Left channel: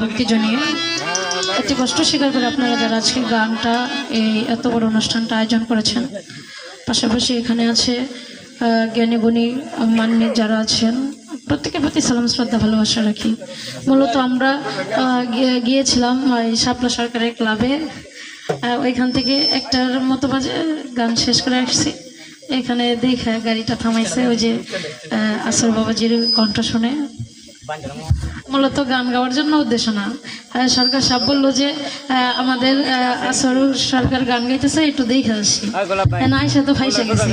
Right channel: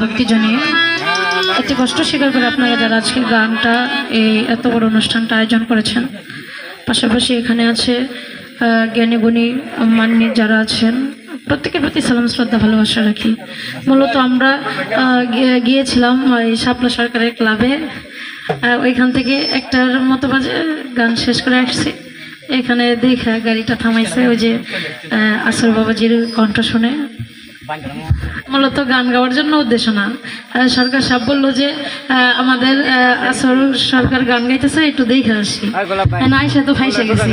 ভক্তি জানিয়ে অতি কষ্ট স্বীকার করে আপনারা যারা আজকের গানটা এই এত বড় অনুষ্ঠানটা আয়োজন করেছেন। পাশাপাশি এখানে আছে জ্ঞানী গুণী মান্যী যারা আছেন, প্রত্যেকের প্রতি সালাম শ্রদ্ধা ভালোবাসা রাখি। মূলত আমরা গিয়েছিলাম ওই শাপলা সরকারের ক্লাবে, ওইখান থেকে 1টার মতো বাজে গান শেষ করে আসছি। এখানে দেখে গাড়িটা থামাইছে, ওই যে আসর বাবাজির কণ্ঠ শুনে। মূলত গান গাওয়ার জন্য উদ্দেশ্য না, সরকার সাহেব বললো যে আমাদের আসর সরকার গান গাইতেছে, একটু দেখে আসি। না এসে তো ফাইসে গেছি।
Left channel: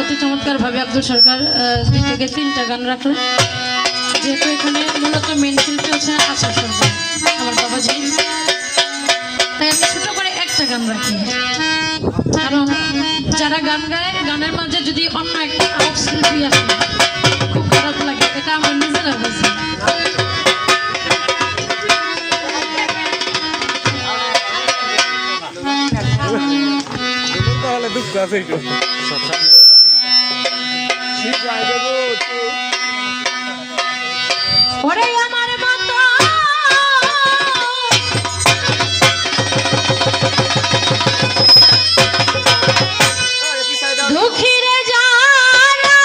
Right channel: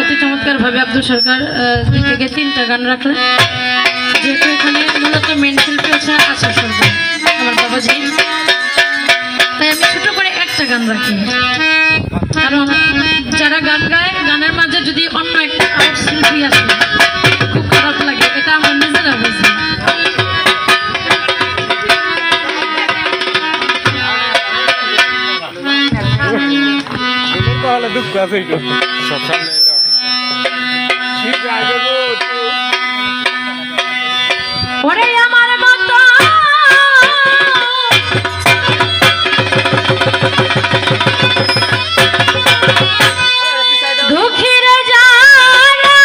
অতি চমৎকার ভাবে আব্দুল সরকার 2 থেকে 3টা গান রাখলেন। যেহেতু এখানে মূলত মেন শিল্পী হচ্ছে আসর সরকার আমার বাবাজি, তাই আমি ছোট করে একটা গান রাখি। কারণ যারা গান গায়, গানের মাঝে যদি অন্য একটা আর্ট শিল্পী আসে খুব খারাপ লাগে, এটা আমার নিজেরা বুঝি। ওরে আমার মতো দুঃখীরে যারা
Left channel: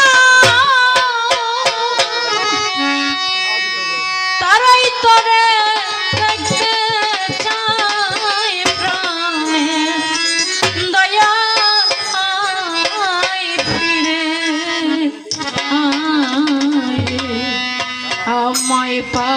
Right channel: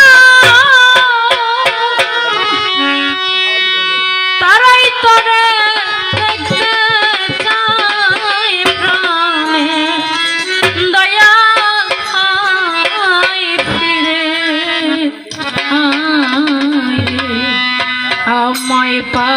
তারাই তোরে দেখতে চায় প্রাণে, দয়া ফিরে আমায় পা